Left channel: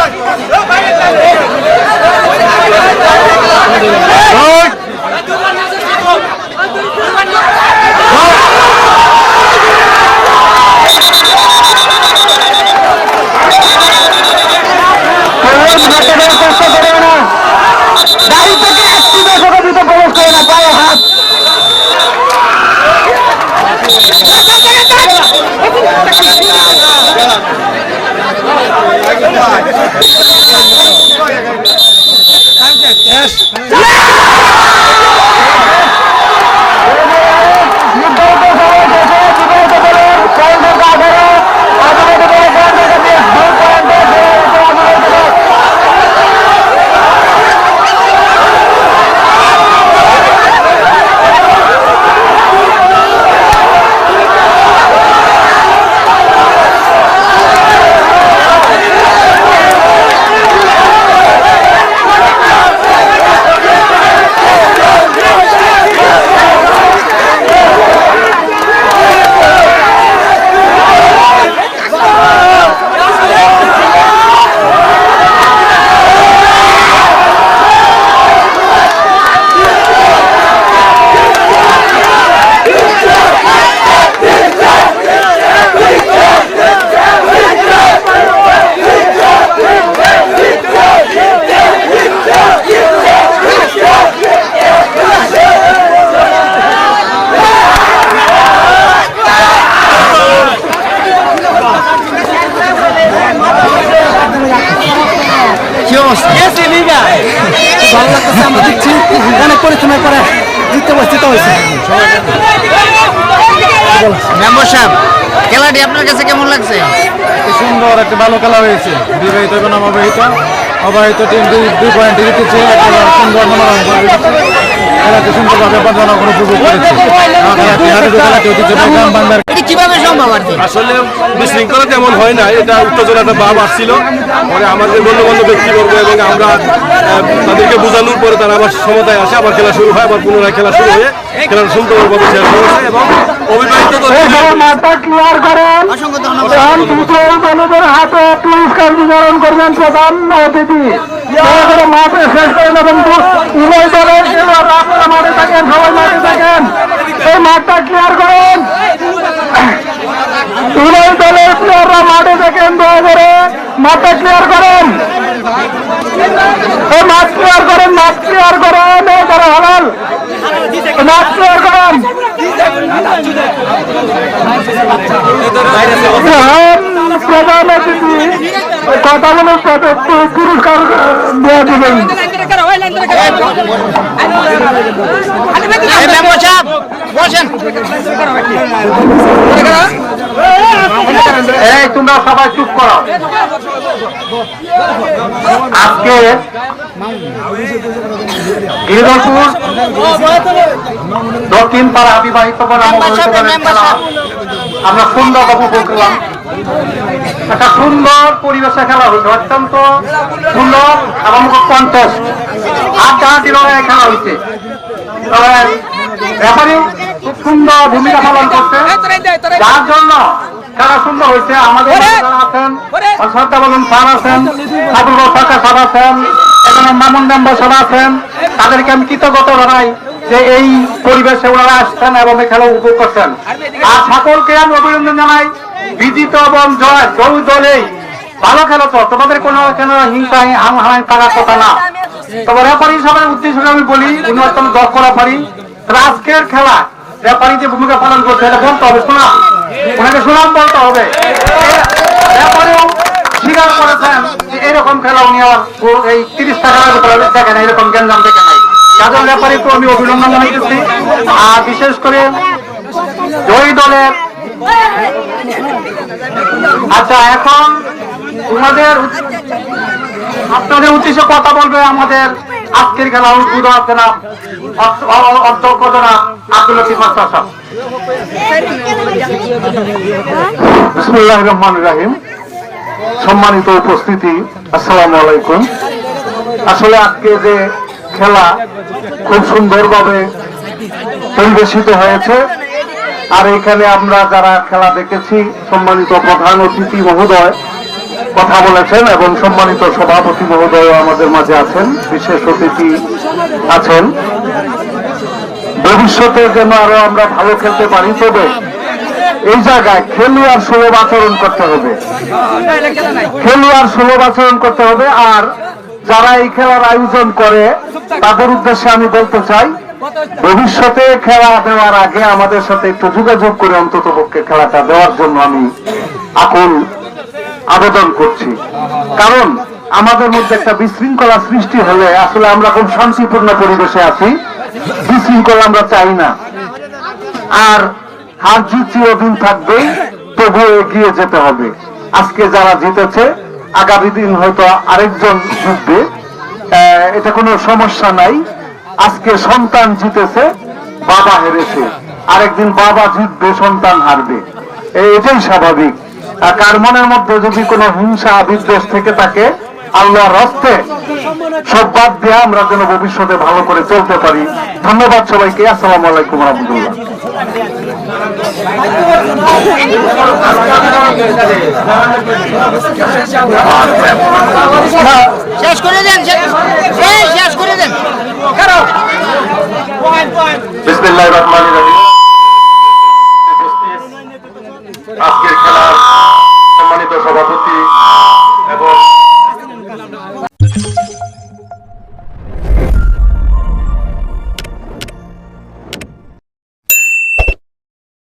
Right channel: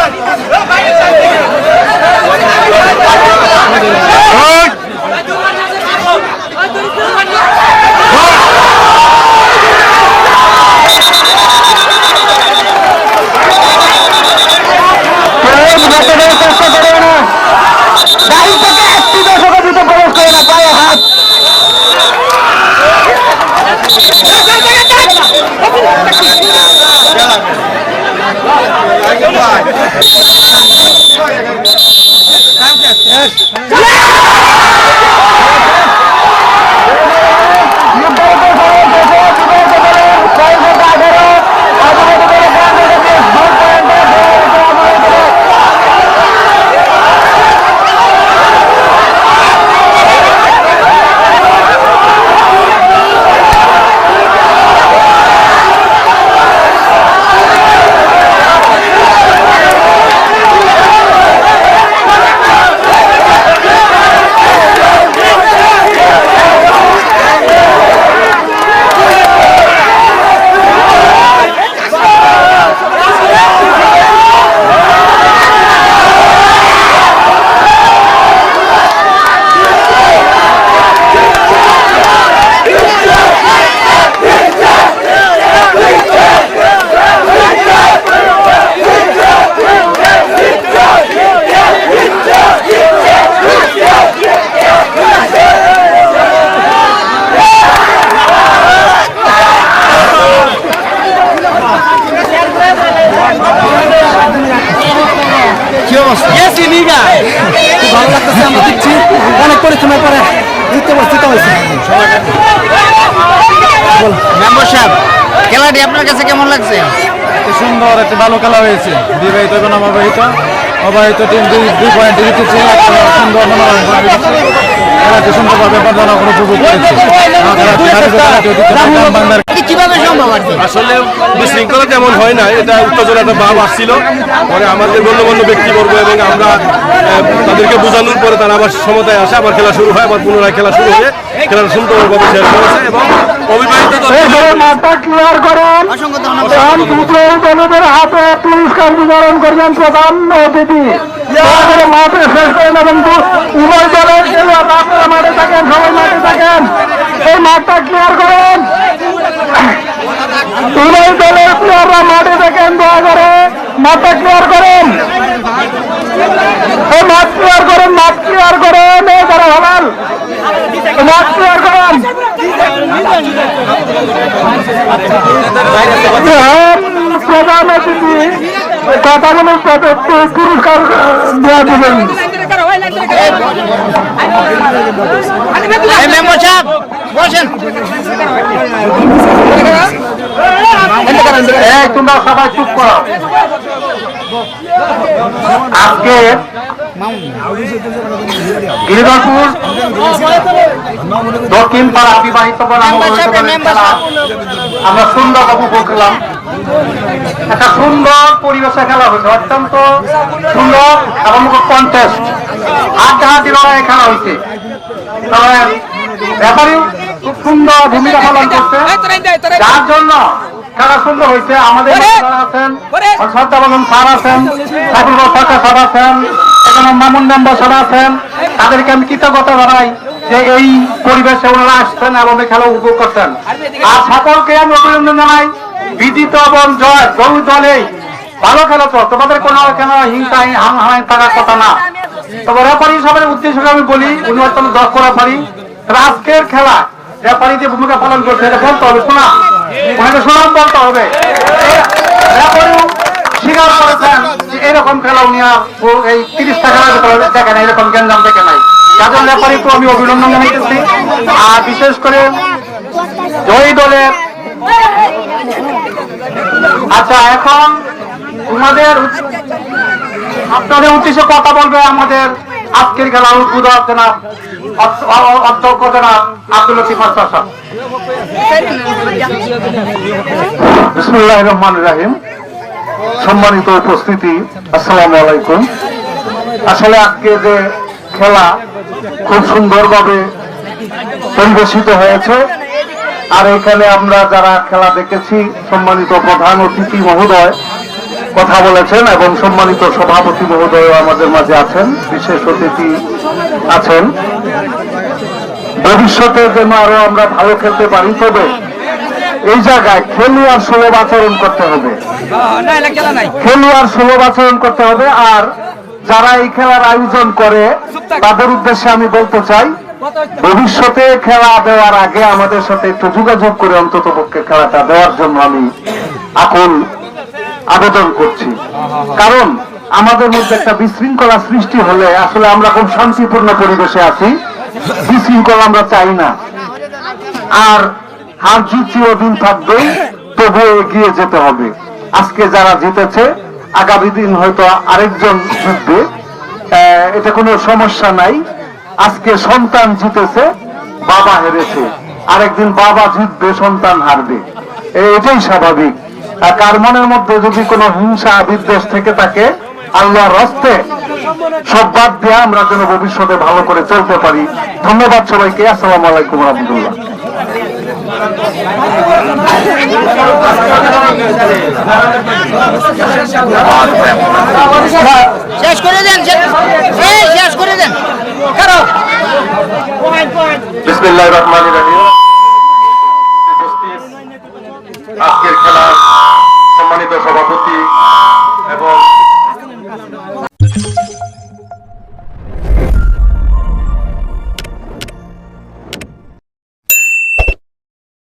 যাচ্ছে God. কি অবস্থা? খুব ভালো লাগতেছে আমরা। দেখছি অনেক পরিশ্রমের পরে জিততে বসতে হয়েছে। মেম্বার সাহেব খেলাটি আপনার কাছে কেমন লাগছে? কি সুন্দর একটা ভালো খেলা হয়েছে। বিবাহিত এবং অবিবাহিত। টিম দুই দুই পয়েন্ট জিতেছে। একটা সুন্দর মনোরম পরিবেশে খেলাটি সুন্দরভাবে জনগণ উপভোগ করেছে। আসলে বিশৃঙ্খলা তেমন হয় না এটা উত্তেজনা একটা ভাব আসছিল। পরে আমাদের গণ্যমান্য ব্যক্তিবর্গ এবং আমরা তাদেরকে বোঝানোর পরে তারা আবার সমতায় আসে আবার খেলা শুরু হয় আবার পুনরায় খেলা শুরু হয়ে খেলাটা সুন্দরভাবে শেষ হয়েছে এবং অবিবাহিত হাতে পুরস্কার বিতরণ করবেন প্রধান অতিথি। উভয় দলের খেলোয়াড় আপনারা মাঠে থাকেন সবাই মাঠে থাকেন এই মাঠটা ক্লিয়ার করেন। তিনই দলের প্লেয়াররা মাঠে থাকেন দয়া করে। মাঠটা ক্লিয়ার করেন। এই মাঠ ক্লিয়ার করেন, মাঠ ক্লিয়ার করেন। এই তারা হালাল। মাঠ ক্লিয়ার করেন। প্রধান অতিথি কথাগুলো একটু পুরস্কার দেওয়া দেবেন। মেম্বার সাহেব বসেন এই তোমরা সবাই চুপ করো। আজকে গিরিধরপুর দক্ষিণ পাড়া বিবাহিত বনাম আমরা সুন্দর উপভোগ করলাম। একটা সুন্দর পরিবেশে খেলা হয়েছে অত্যন্ত সুন্দর এবং কন্টেস্ট হাড্ডাহাড্ডি লড়াই খেলা হয়েছে তবে ব্যাপারেও খুব সুন্দর ভূমিকা পালন করছে। যার জন্য খেলা সুন্দর হয়েছে। আমাদের আছেন শ্রদ্ধা বলেন স্যার আছেন সরকার স্যার আছেন এখানে মামুন মেম্বার স্যার আছেন। তাদেরকে আমি কৃতজ্ঞতা জানাই। যে এই পরিবেশে ওনারা আসছেন এবং এই খেলা উপভোগ করছেন আর সকলকে আমি অভিনন্দন জানাই, বিজিত এবং জয় দুই দলেই। ভালো খেলেছ তোমাদের কোনো কেন হিংসা হাং হাং থাকার কথা না। তবে রেফারি হিসাবে উদ্দেশ্য আমি বলি, উনি অত্যন্ত দক্ষ রেফারি আজকের খেলা রেফারি যে ভূমিকা পালন করছে, এটা বলতে হবে, শোনা। ওনাকে সুনাম বলতে হবে। রেফারিও স্বীকার করেছেন যে এরকম খেলা উনি আর এই তিরিশটা খেলার ভিতরে দেখেন এরকম জ্ঞান দেখে নাই। যাদের রেফারিকে আমি অভিনন্দন জানাইতেছি। আর বিশেষ করে জয়ী দলের আচ্ছা এখন তোমাদের আপনাদের উদ্দেশ্যে কথা বলবে আমাদের আজকের খেলা উদ্বোধক জনাব অধ্যক্ষ জনাব আব্দুল বিসমুল্লাহ রহমান রাহিম। সম্মানিত উপস্থিতি, আসসালামু আলাইকুম। আসলে আজকে যে খেলা খুব সুন্দরভাবে পরিবেশিত হয়েছে। আর এখানে আমরা যারা খেলা দেখেছি, সম্মানিত প্রধান অতিথি মহোদয় কথা বলেছেন এবং সম্মানিত সভাপতি মহোদয় আমাদের মাঝে আছেন, বিশেষ অতিথি আছেন। ভবিষ্যতে যেন আরও আমরা ভালো খেলতে পারি, তবে এই জায়গায় খেলোয়াড় সুলভ আচরণ করতে হবে। খেলোয়াড় সুলভ আচরণ করতে হবে, আর যারা এই খেলার আয়োজন করে, তাদের উদ্দেশ্যে আমি বলতে চাই, ভবিষ্যতে খেলা দেওয়ার আগে আমাদের সাথে একটু যোগাযোগ করে অন্তত পক্ষে খেলাটা দেওয়ার জন্য আমি আকুল আবেদন করছি। কারণ আমাদের মধ্যে একটা বিশৃঙ্খলা সৃষ্টি হলে আসলে আমরা খুব শান্তিপূর্ণ পরিবেশে আছি। বিশৃঙ্খলা আমরা চাই না। আর হার জিত চিরদিন থাকবেই, তবুও এগিয়ে যেতে হবে। আজকে যারা জিতেছে আগামী দিন হয়তো আরেকজন জিতবে এটা কোনো সমস্যা নাই। আজকে সন্তান জিতেছে, বাবা হেরেছে। আরেকদিন বাবা জিতবে, সন্তান হারবে। এটাই স্বাভাবিক। কার মনের মধ্যে যদি কোনো হিংসা, বিদ্বেষ থেকে থাকে, আল্লাহর রস্তে সব বাদ দিয়ে আমরা যেন ভবিষ্যতে ভালো করে চলতে পারি। ধন্যবাদ সবাইকে। আসসালামু আলাইকুম রহমতুল্লাহ। শেষ করে দেন শেষ- করে দেন। বিসমিল্লাহ রহমান রহিম।